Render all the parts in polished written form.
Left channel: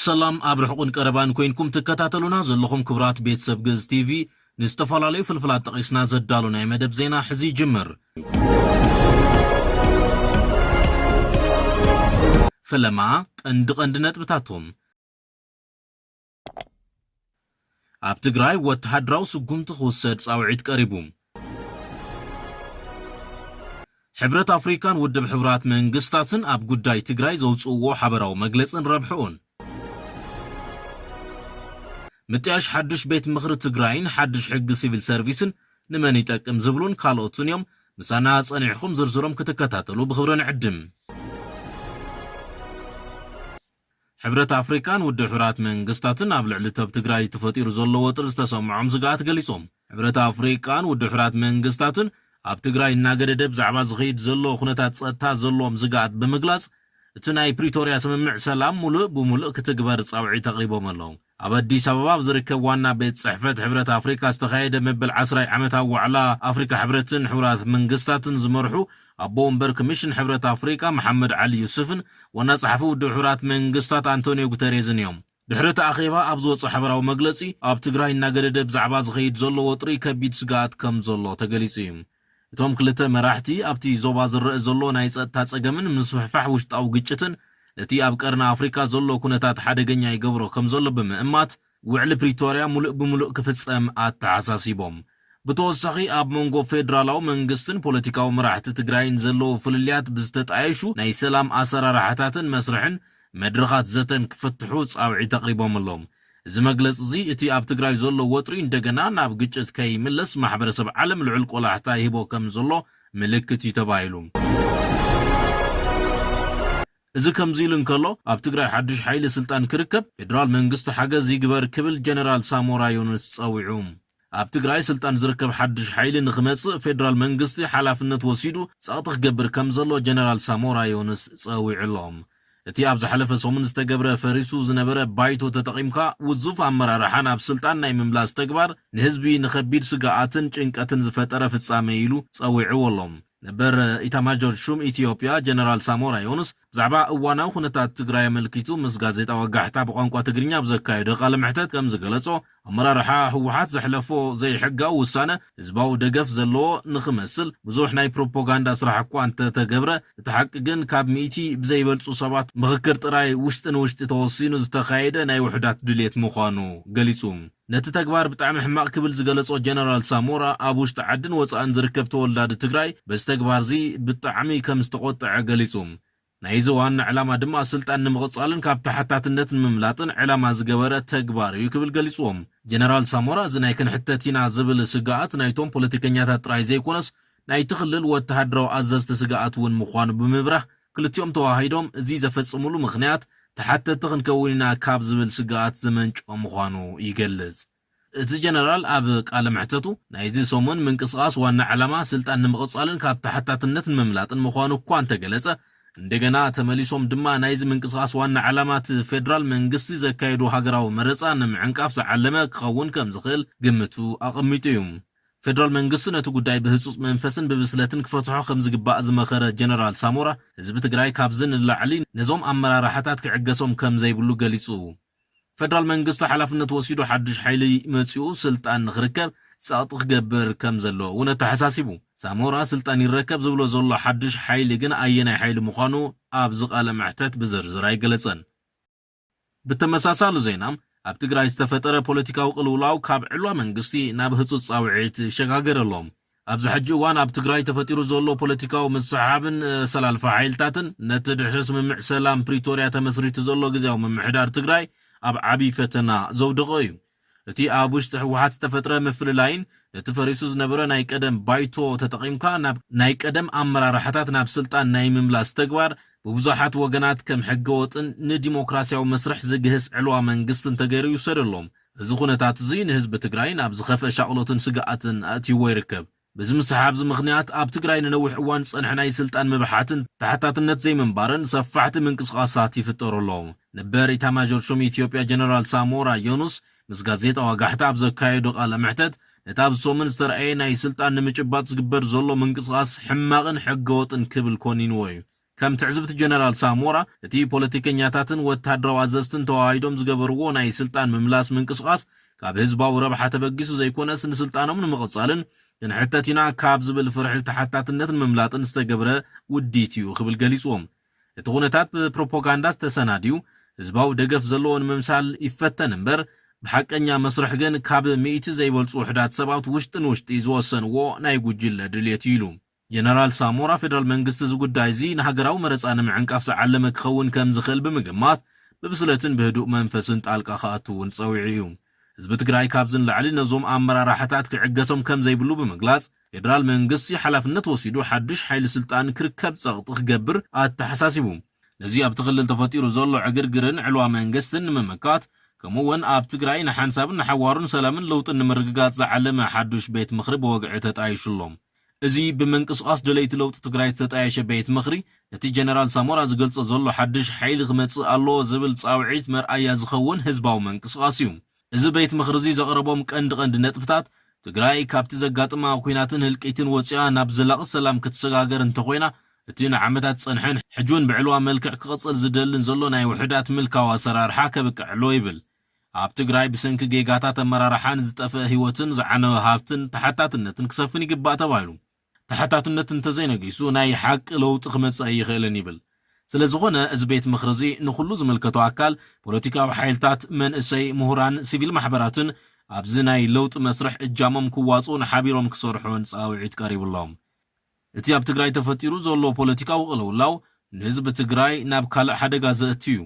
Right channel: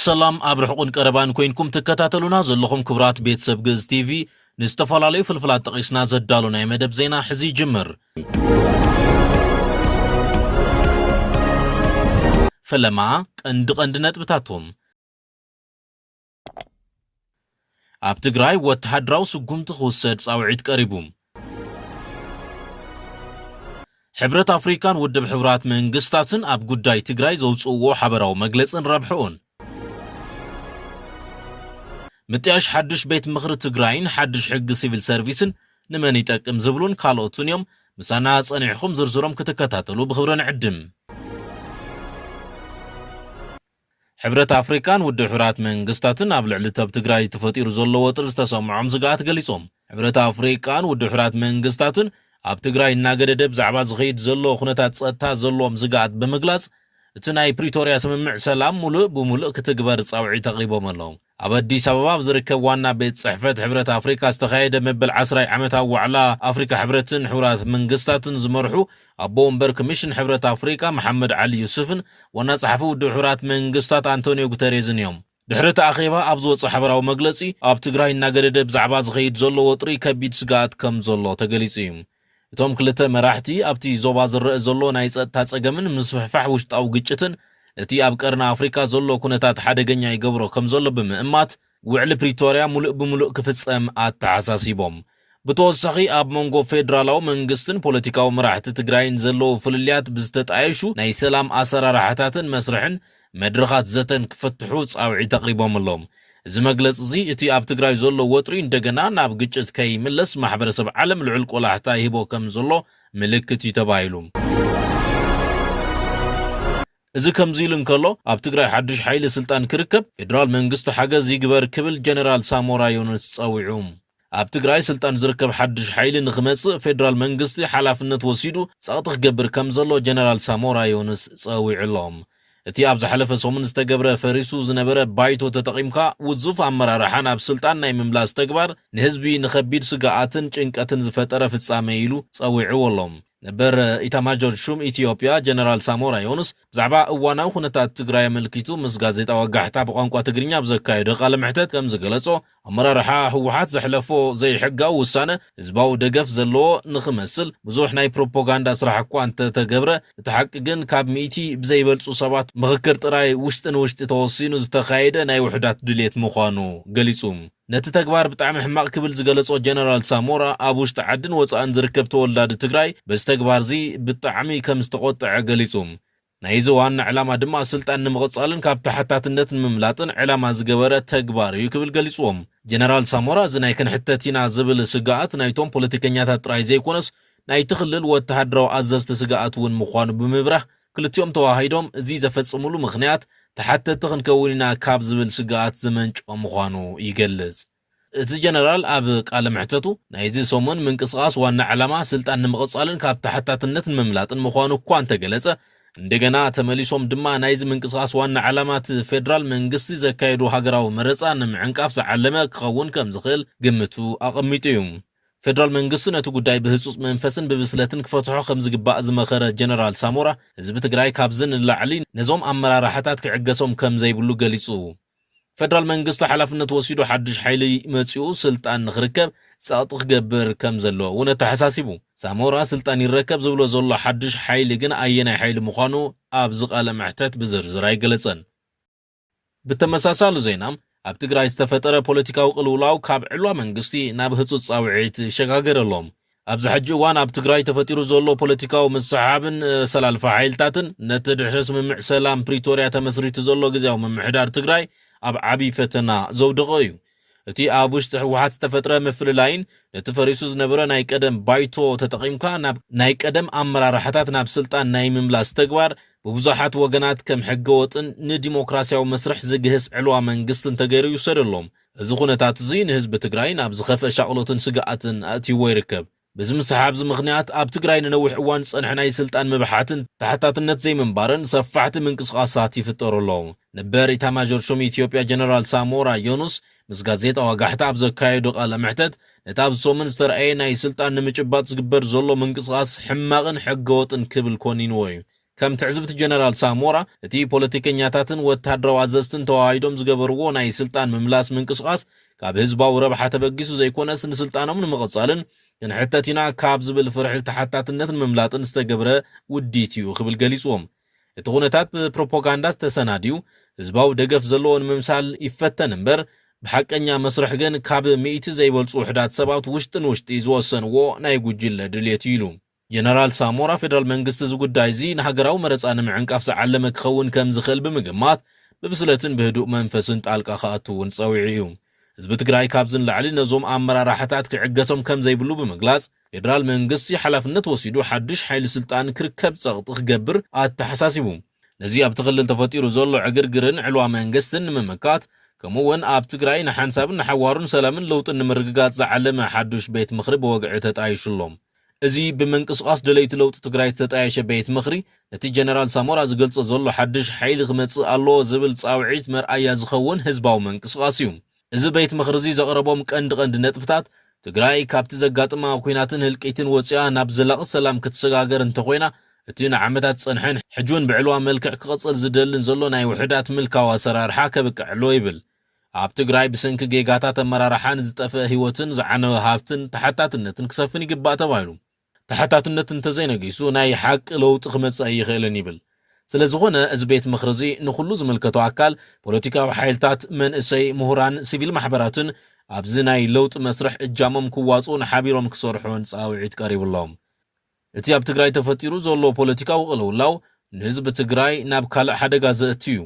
ሰላም አብርሕቁን ቀረባን ኮይንኩም ተከታተሉና ዘለኹም ክብራት ቤተሰብ ግዕዝ ቲቪ ንዝተፈላለዩ ፍልፍላት ጠቂስና ዘዳሉ ናይ መደብ ዜና ሕዚ ጅምር። ፈለማ ቀንዲ ነጥብታቶም ኣብ ትግራይ ወተሃደራዊ ስጉምቲ ክውሰድ ጻውዒት ቀሪቡ። ሕብረት አፍሪካን ውድብ ሕብራት መንግስታትን ኣብ ጉዳይ ትግራይ ዘውፅእዎ ሓበራዊ መግለጽን ረብሕኡን ምጥያሽ ሓድሽ ቤት ምኽሪ ትግራይን ሓድሽ ሕጊ ሲቪል ሰርቪስን ንመን ይጠቅም ዝብሉን ካልኦትን እዮም። ምሳና ጸኒሕኩም ዝርዝሮም ክትከታተሉ ብኽብሪ ንዕድም። ሕብረት አፍሪካን ውድብ ሕብራት መንግስታትን ኣብ ልዕሊ ተብ ትግራይ ተፈጢሩ ዘሎ ወጥሪ ዝተሰምዖም ዝግኣት ገሊጾም። ሕብረት አፍሪካን ውድብ ሕብራት መንግስታትን ኣብ ትግራይ እናገደደ ብዛዕባ ዝኸይድ ዘሎ ኩነታት ጸጥታ ዘሎም ዝግኣት ብምግላጽ እቲ ናይ ፕሪቶሪያ ስምምዕ ሰላም ሙሉእ ብሙሉእ ክትግበር ጻውዒት ኣቕሪቦም ኣለዉ። ኣብ አዲስ አበባ ዝርከብ ዋና ቤት ጽሕፈት ሕብረት አፍሪካ ዝተኻየደ መበል 10 ዓመታዊ ዋዕላ አፍሪካ ሕብረትን ሕብራት መንግስታትን ዝመርሑ ኣቦ ወንበር ኮሚሽን ሕብረት አፍሪካ መሐመድ ዓሊ ዩሱፍን ዋና ጸሓፊ ውድብ ሕብራት መንግስታት አንቶኒዮ ጉተሬዝን እዮም። ድሕሪ እቲ ኣኼባ ኣብ ዝወፅእ ሓበራዊ መግለጺ ኣብ ትግራይ እናገደደ ብዛዕባ ዝኸይድ ዘሎ ወጥሪ ከቢድ ስጋኣት ከም ዘሎ ተገሊጹ እዩ። እቶም ክልተ መራሕቲ ኣብቲ ዞባ ዝረአ ዘሎ ናይ ጸጥታ ጸገምን ምስፍሕፋሕ ውሽጣዊ ግጭትን እቲ ኣብ ቀርና አፍሪካ ዘሎ ኩነታት ሓደገኛ ይገብሮ ከም ዘሎ ብምእማት ውዕሊ ፕሪቶሪያ ሙሉእ ብሙሉእ ክፍጸም ኣተሓሳሲቦም። ብተወሳኺ ኣብ መንጎ ፌደራላዊ መንግስትን ፖለቲካዊ መራሕቲ ትግራይን ዘለዎ ፍልልያት ብዝተጣየሹ ናይ ሰላም ኣሰራርሓታትን መስርሕን መድረኻት ዘተን ክፈትሑ ጻውዒት ኣቕሪቦም ኣሎም። እዚ መግለጽ እዚ እቲ ኣብ ትግራይ ዘሎ ወጥሪ እንደገና ናብ ግጭት ከይምለስ ማሕበረሰብ ዓለም ልዑል ቆላሕታ ይህቦ ከም ዘሎ ምልክት እዩ ተባሂሉ። እዚ ከምዚ ኢሉ እንከሎ ኣብ ትግራይ ሓድሽ ሓይሊ ስልጣን ክርከብ ፌደራል መንግስቲ ሓገዝ ይግበር ክብል ጀነራል ሳሞራ ዮኑስ ጸዊዑ። ኣብ ትግራይ ስልጣን ዝርከብ ሓድሽ ሓይሊ ንኽመጽእ ፌደራል መንግስቲ ሓላፍነት ወሲዱ ጸቕጢ ክገብር ከም ዘሎ ጀነራል ሳሞራ ዮኑስ ጸዊዑ ኣሎም። እቲ ኣብ ዝሓለፈ ሰሙን ዝተገብረ ፈሪሱ ዝነበረ ባይቶ ተጠቒምካ ውዙፍ ኣመራርሓ ናብ ስልጣን ናይ ምምላስ ተግባር ንህዝቢ ንኸቢድ ስጋኣትን ጭንቀትን ዝፈጠረ ፍጻመ ኢሉ ጸዊዑ ኣሎም። ነበር ኢታማጆር ሹም ኢትዮጵያ ጀነራል ሳሞራ ዮኑስ ብዛዕባ እዋናዊ ኩነታት ትግራይ ኣመልኪቱ ምስ ጋዜጣ ወጋሕታ ብቋንቋ ትግርኛ ብዘካየደ ቃለ ምሕተት ከም ዝገለጾ ኣመራርሓ ህወሓት ዘሕለፎ ዘይሕጋዊ ውሳነ ህዝባዊ ደገፍ ዘለዎ ንኽመስል ብዙሕ ናይ ፕሮፓጋንዳ ስራሕ እኳ እንተተገብረ እቲ ሓቂ ግን ካብ 100 ብዘይበልጹ ሰባት ምኽክር ጥራይ ውሽጢ ንውሽጢ ተወሲኑ ዝተኻየደ ናይ ውሕዳት ድሌት ምዃኑ ገሊጹ። ነቲ ተግባር ብጣዕሚ ሕማቕ ክብል ዝገለጾ ጀነራል ሳሞራ ኣብ ውሽጢ ዓድን ወፃእን ዝርከብ ተወላዲ ትግራይ በዚ ተግባር እዚ ብጣዕሚ ከም ዝተቆጥዐ ገሊጹ። ናይዚ ዋና ዕላማ ድማ ስልጣን ንምቕጻልን ካብ ተሓታትነት ንምምላጥን ዕላማ ዝገበረ ተግባር እዩ ክብል ገሊጽዎም። ጀነራል ሳሞራ እዚ ናይ ክንሕተት ኢና ዝብል ስጋኣት ናይቶም ፖለቲከኛታት ጥራይ ዘይኮነስ ናይቲ ክልል ወተሃደራዊ ኣዘዝቲ ስጋኣት እውን ምዃኑ ብምብራህ ክልቲኦም ተዋሂዶም እዚ ዘፈጽምሉ ምኽንያት ተሓተቲ ክንከውን ኢና ካብ ዝብል ስጋኣት ዝመንጮ ምዃኑ ይገልጽ። እቲ ጀነራል ኣብ ቃለ ምሕተቱ ናይዚ ሰሙን ምንቅስቓስ ዋና ዕላማ ስልጣን ንምቕጻልን ካብ ተሓታትነት ንምምላጥን ምዃኑ እኳ እንተገለጸ እንደገና ተመሊሶም ድማ ናይዚ ምንቅስቓስ ዋና ዕላማት ፌደራል መንግስቲ ዘካየዱ ሃገራዊ መረፃ ንምዕንቃፍ ዝዓለመ ክኸውን ከም ዝኽእል ግምቱ ኣቐሚጡ እዩ። ፌደራል መንግስቲ ነቲ ጉዳይ ብህጹጽ መንፈስን ብብስለትን ክፈትሖ ከም ዝግባእ ዝመኸረ ጀነራል ሳሞራ ህዝቢ ትግራይ ካብዚ ንላዕሊ ነዞም ኣመራርሓታት ክዕገሶም ከም ዘይብሉ ገሊጹ። ፌደራል መንግስቲ ሓላፍነት ወሲዱ ሓድሽ ሓይሊ መጺኡ ስልጣን ንኽርከብ ጸቕጢ ክገብር ከም ዘሎ እውን ተሓሳሲቡ። ሳሞራ ስልጣን ይረከብ ዝብሎ ዘሎ ሓድሽ ሓይሊ ግን ኣየናይ ሓይሊ ምዃኑ ኣብ ዝቃለ ምሕተት ብዝርዝር ኣይገለጸን። ብተመሳሳሊ ዜናም ኣብ ትግራይ ዝተፈጠረ ፖለቲካዊ ቅልውላው ካብ ዕልዋ መንግስቲ ናብ ህጹጽ ጻውዒት ይሸጋገረሎም። ኣብዚ ሕጂ እዋን ኣብ ትግራይ ተፈጢሩ ዘሎ ፖለቲካዊ ምስሓብን ሰላልፋ ሓይልታትን ነቲ ድሕረ ስምምዕ ሰላም ፕሪቶሪያ ተመስሪቱ ዘሎ ግዜያዊ ምምሕዳር ትግራይ ኣብ ዓብይ ፈተና ዘውድቆ እዩ። እቲ ኣብ ውሽጢ ህወሓት ዝተፈጥረ ምፍልላይን ነቲ ፈሪሱ ዝነበረ ናይ ቀደም ባይቶ ተጠቒምካ ናይ ቀደም ኣመራርሓታት ናብ ስልጣን ናይ ምምላስ ተግባር ብብዙሓት ወገናት ከም ሕገወጥን ንዲሞክራሲያዊ መስርሕ ዝግህስ ዕልዋ መንግስትን ተገይሩ ይውሰደሎም። እዚ ኩነታት እዚ ንህዝቢ ትግራይ ናብ ዝኸፍአ ሻቕሎትን ስጋኣትን ኣእትይዎ ይርከብ። በዚ ምስሓብ እዚ ምኽንያት ኣብ ትግራይ ንነዊሕ እዋን ዝጸንሐ ናይ ስልጣን ምብሓትን ተሓታትነት ዘይምንባርን ሰፋሕቲ ምንቅስቓሳት ይፍጠሩ ኣለዉ። ነበር ኢታማጆር ሹም ኢትዮጵያ ጀነራል ሳሞራ ዮኑስ ምስ ጋዜጣ ወጋሕታ ኣብ ዘካየዱ ቃለ ምሕተት ነቲ ኣብ ሰሙን ዝተረኣየ ናይ ስልጣን ንምጭባጥ ዝግበር ዘሎ ምንቅስቓስ ሕማቕን ሕገወጥን ክብል ኮኒንዎ እዩ። كم تعزبت جنرال سامورا تي بوليتيكينياتاتن وتهدرو عززتن تواعيدهم زقبرو ناي سلطان مملاس من قصقاس كاب هزباو ربحة تبقيسو زي كونس نسلطانهم نمغصالن ين حتاتينا كاب زبل فرح التحتاتنتن مملاتن استقبره وديتيو خبل قليسوهم اتغونتات بروباغانداس تسناديو هزباو دقف زلون ممسال يفتن امبر بحقنيا مسرح جن كاب ميت زي بولص وحدات سباوت وشتن وشت يزوسن و ناي جوجل دليتيلو جنرال سامورا فيدرال منغست زغداي زي نهاغراو مرصان معንቃፍ زعلم كخون كم زخل بمجمات ببسلتن بهدوء منفسن طالقا خاطون صويعيو حزب تግራይ ካብዝን ላዕሊ ነዞም አመራራሓታት ክዕገሶም ከም ዘይብሉ በመግላጽ ፌደራል መንግስት ሓላፍነት ወሲዱ ሓድሽ ኃይል ስልጣን ክርከብ ጸቕጥ ክገብር አተሐሳሲቡ ነዚ ኣብ ተኸልል ተፈጢሩ ዘሎ ዕግርግርን ዕልዋ መንግስትን መመካት كمون ኣብ ትግራይ ንሓንሳብን ንሓዋሩን ሰላምን ለውጥን ንምርግጋጽ ዝዓለመ ሓድሽ ቤት ምኽሪ በወግዒ ተጣይሹሎም እዚ ብምንቅስቃስ ደለይቲ ለውጥ ትግራይ ዝተጣየሸ ቤት ምኽሪ ነቲ ጀነራል ሳሞራ ዝገልጾ ዘሎ ሓድሽ ኃይል ክመጽእ ኣሎ ዝብል ጻውዒት መርኣያ ዝኸውን ህዝባዊ መንቅስቃስ እዩ እዚ ቤት ምኽሪ እዚ ዘቕረቦም ቀንዲ ነጥብታት ትግራይ ካብቲ ዘጋጥማ ኩናትን ህልቂትን ወጽያ ናብ ዘላቂ ሰላም ክትሰጋገር እንተኮይና እቲ ንዓመታት ጸንሐን ሕጁን ብዕልዋ መልክዕ ክቕጽል ዝደልን ዘሎ ናይ ውሕዳት ምልካዋ ኣሰራርሓ ከብቅዕሎ ይብል ኣብ ትግራይ ብሰንኪ ጌጋታት ኣመራርሓን ዝጠፍአ ህይወትን ዝዓነወ ሃብትን ተሓታትነትን ክሰፍን ይግባእ ተባሂሉ ተሓታትነት እንተዘይነጊሱ ናይ ሓቂ ለውጥ ክመጽእ ይኽእልን ይብል ስለዝኾነ እዚ ቤት ምኽሪ እዚ ንኹሉ ዝምልከቶ ኣካል ፖለቲካዊ ሓይልታት መንእሰይ ምሁራን ሲቪል ማሕበራትን ኣብዚ ናይ ለውጥ መስርሕ እጃሞም ክዋጽኡን ሓቢሮም ክሰርሑን ጻውዒት ቀሪብሎም እቲ ኣብ ትግራይ ተፈጢሩ ዘሎ ፖለቲካዊ ቅልውላው ንህዝቢ ትግራይ ናብ ካልእ ሓደጋ ዘእትዩ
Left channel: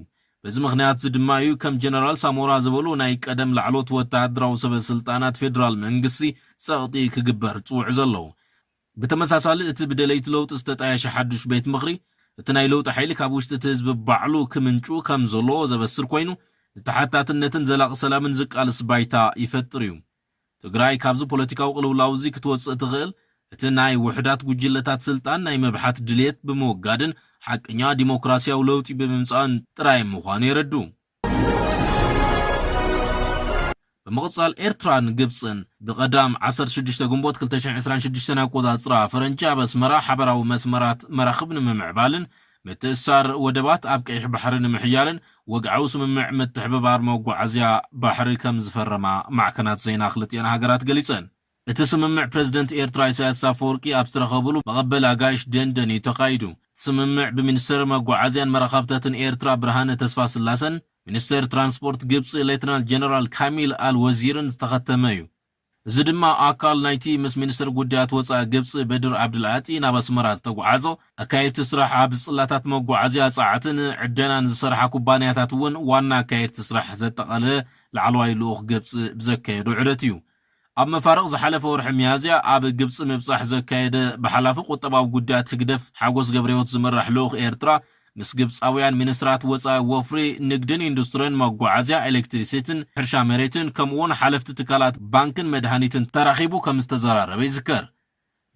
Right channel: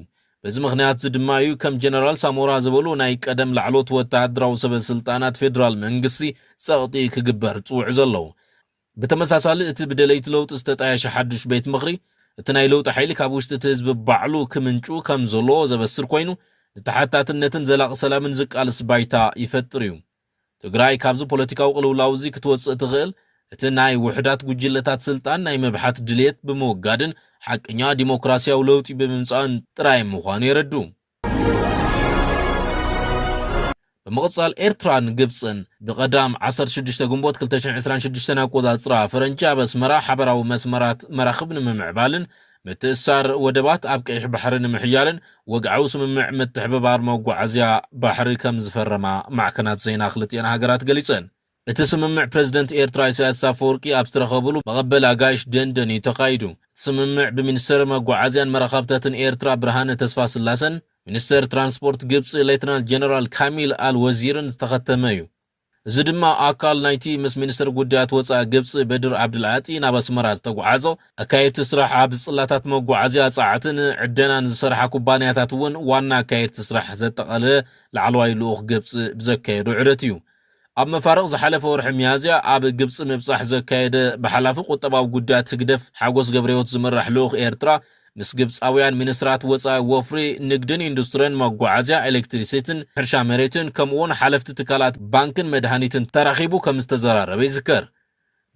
በዚ ምኽንያት ድማ እዩ ከም ጀነራል ሳሞራ ዝበሉ ናይ ቀደም ላዕሎት ወተሃደራዊ ሰበስልጣናት ፌደራል መንግስቲ ጸቕጢ ክግበር ጽውዕ ዘለዎ بتمساسال እቲ ብደለይቲ ለውጥ ዝተጣየሸ ሓድሽ ቤት ምኽሪ እቲ ናይ ለውጥ ኃይሊ ካብ ውሽጢ እቲ ህዝቢ ባዕሉ ክምንጩ ከም ዘሎ ዘበስር ኮይኑ ተሓታትነትን ዘላቂ ሰላምን ዝቃልስ ባይታ ይፈጥር እዩ ትግራይ ካብዚ ፖለቲካዊ ቅልውላው እዚ ክትወጽእ ትኽእል እቲ ናይ ውሕዳት ጉጅለታት ስልጣን ናይ መብሓት ድልየት ብምውጋድን ሓቀኛ ዲሞክራሲያዊ ለውጢ ብምምጻእን ጥራይ ምዃኑ የረዱ بمقصال إيرتران جبسن بقدام 16 جنبوت 2026 أقوى فرنجا بس مرا حبراو مسمرات مراخبن ممعبالن متأثر ودبات أبقى بحرن محيالن وقعوس ممع متحببار موقع عزيا بحر كم زفرما مع كانت زين أخلتي أنا هجرات قليسن اتسممع بريزيدنت إيرترا إساياس أفوركي أبسترخبلو بقبل أقايش دندني تقايدو تسممع بمنستر موقع عزيان مراخبتاتن إيرترا برهانة تسفاس اللاسن منستر ترانسبورت جبس ليتنال جنرال كاميل الوزيرن استختميو زدما أكال نايتي مس منستر قدات وصا جبس بدر عبد العاطي نابس مراز تقعزو أكاير تسرح عبد صلاتات موقع عزيا ساعتن عدنا نسرح كوبانياتاتون وانا أكاير تسرح زتقاله لعلواي لوخ جبس بزكايدو عرتيو أما فارغ زحلف ورح ميازيا عب جبس مبصح زكايد بحلافو قطباو قدات تقدف حاقوس قبريوت زمرح لوخ إيرترا مس جبس أويان منسترات وصا وفري نقدن اندسترين موقعازيا إلكتريسيتن حرشا مريتن كمون حلفت تكالات بانكن مدهانيتن تراخيبو كمستزرار بيذكر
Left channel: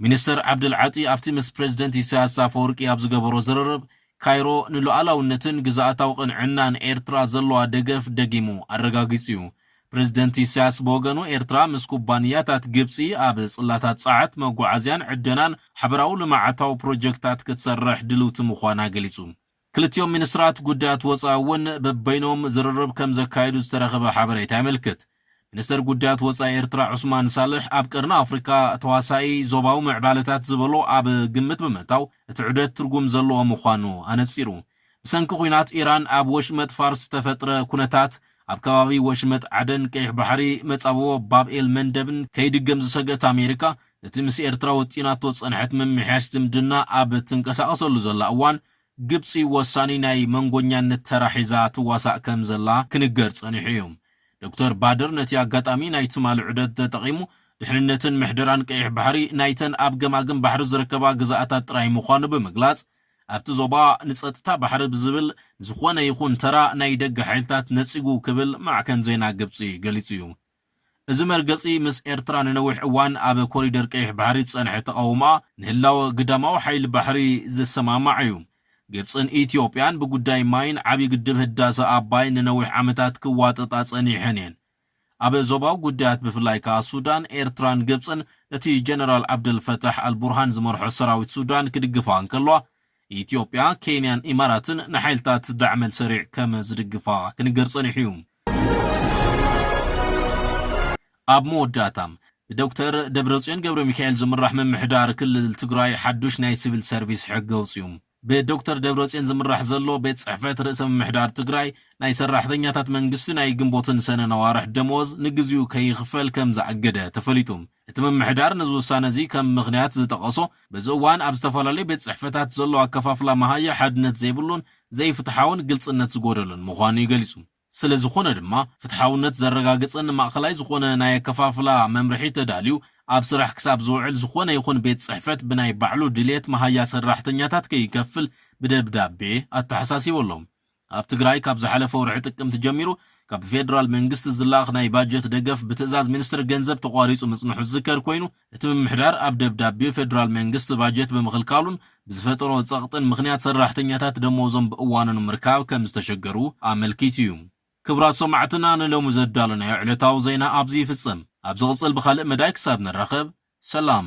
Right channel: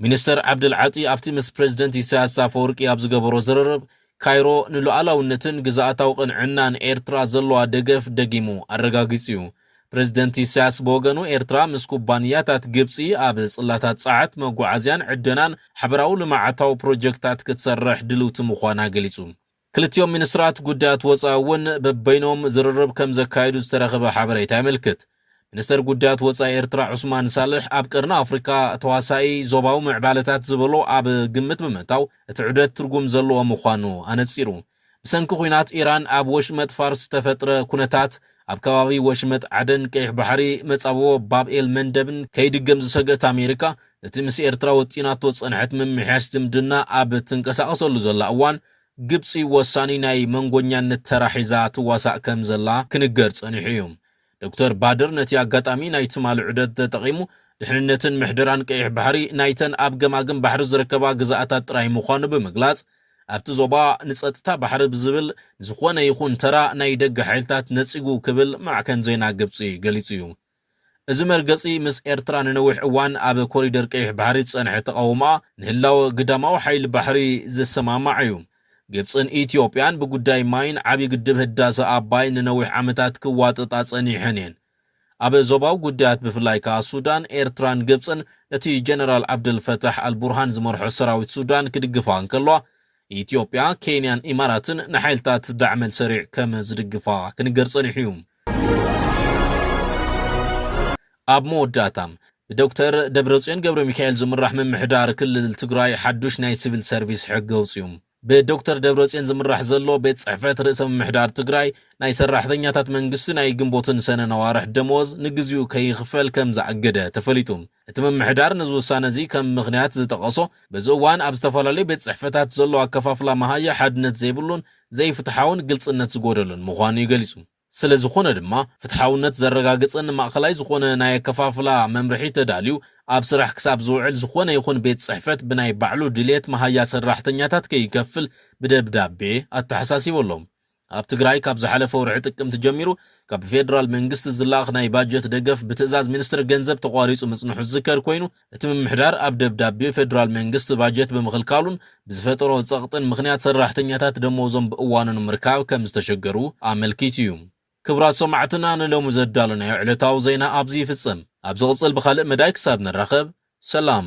منستر عبد العاطي أبتي مس بريزيدنت إساياس أفوركي أبزقبرو زررب كايرو نلو علاونتن قزاعتاو قنعنان إيرترا زلوا دقف دقيمو الرقاقيسيو بريزيدنت إساياس بوغانو إيرترا مس كوبانياتات جبسي أبس اللاتات ساعت موقعازيان عدنان حبراو لمعتاو بروجكتات كتسرح دلوت مخوانا قليسو كلتيوم منسترات قدات وصاون ببينهم زررب كم زكايدو استرخب حبريتا ملكت منستر قدات وصا إيرترا عثمان صالح أبقرنا أفريكا تواساي زوباو معبالتات زبلو أب قمت بمتاو اتعودت ترقم زلو ومخوانو أنسيرو بسنكو خوينات إيران أب وشمت فارس تفتر كونتات أب كبابي وشمت عدن كيح بحري متصابو باب إيل مندبن كيد قمز سقت أمريكا نتمس إيرترا وطينات وصنحت من محاش تمدنا أب تنكسا أصول زلا أوان جبسي وصاني ناي منغونيان نتراحيزات واسع كمزلا كنقرص أنيحيوم دكتور بادر نتي أقاتامي نايتم على عدد تقيمو دحننتن محدران كيح بحري نايتن أب قماقم بحر زركبا قزاعتات راي مخانو بمقلاز أبتو زوبا نسأتتا بحر بزبل زخوانا يخون ترا ناي دق حيلتات نسيقو كبل مع كان زينا جبسي قليسيوم ازمر قصي مس إيرتران نوح اوان أب كوريدر كيح بحري تصنح تقاوما نهلاو قداماو حيل بحري زي السماما عيوم جبسن إثيوبيان بقداي ماين عبي قدب هداسة أباين نوح عمتات كواتطات صني حنين أبي زوباو قدات بفلايكا السودان إيرتران جبسن نتي جنرال عبد الفتاح البرهان زمرح سراوي السودان كدقفان كلوا ኢትዮጵያ ኬንያን ኢማራትን ንሓይልታት ዳዕመል ሰሪዕ ከም ዝድግፋ ክንገር ጸኒሕዩም ኣብ መወዳእታም ብዶክተር ደብረጽዮን ገብረ ሚካኤል ዝምራሕ ምምሕዳር ክልል ትግራይ ሓዱሽ ናይ ሲቪል ሰርቪስ ሕጊ ኣውፅዮም ብዶክተር ደብረጽዮን ዝምራሕ ዘሎ ቤት ጽሕፈት ርእሰ ምምሕዳር ትግራይ ናይ ሰራሕተኛታት መንግስቲ ናይ ግንቦትን ሰነን ኣዋርሕ ደመወዝ ንግዚኡ ከይኽፈል ከም ዝኣገደ ተፈሊጡም እቲ ምምሕዳር ነዚ ውሳነ እዚ ከም ምኽንያት ዝጠቐሶ በዚ እዋን ኣብ ዝተፈላለዩ ቤት ጽሕፈታት ዘሎ ኣከፋፍላ መሃያ ሓድነት ዘይብሉን ዘይፍትሓውን ግልጽነት ዝጎደሉን ምዃኑ ይገሊጹ ስለዝኾነ ድማ ፍትሓውነት ዘረጋግፅን ማእኸላይ ዝኾነ ናይ ኣከፋፍላ መምርሒ ተዳልዩ ኣብ ስራሕ ክሳብ ዝውዕል ዝኾነ ይኹን ቤት ጽሕፈት ብናይ ባዕሉ ድሌት መሃያ ሰራሕተኛታት ከይከፍል ብደብዳቤ ኣተሓሳሲበሎም ኣብ ትግራይ ካብ ዝሓለፈ ወርሒ ጥቅምቲ ጀሚሩ ካብ ፌደራል መንግስቲ ዝላኽ ናይ ባጀት ደገፍ ብትእዛዝ ሚኒስትሪ ገንዘብ ተቋሪጹ ምጽንሑ ዝከር ኮይኑ እቲ ምምሕዳር ኣብ ደብዳቤ ፌደራል መንግስቲ ባጀት ብምኽልካሉን ብዝፈጠሮ ጸቕጥን ምኽንያት ሰራሕተኛታት ደመወዞም ብእዋኑ ምርካብ ከም ዝተሸገሩ ኣመልኪቱ እዩ ክብራት ሰማዕትና ንሎሙ ዘዳለናዮ ዕለታዊ ዜና ኣብዚ ይፍጸም ኣብ ዝቕጽል ብኻልእ መዳይ ክሳብ ንራኸብ ሰላም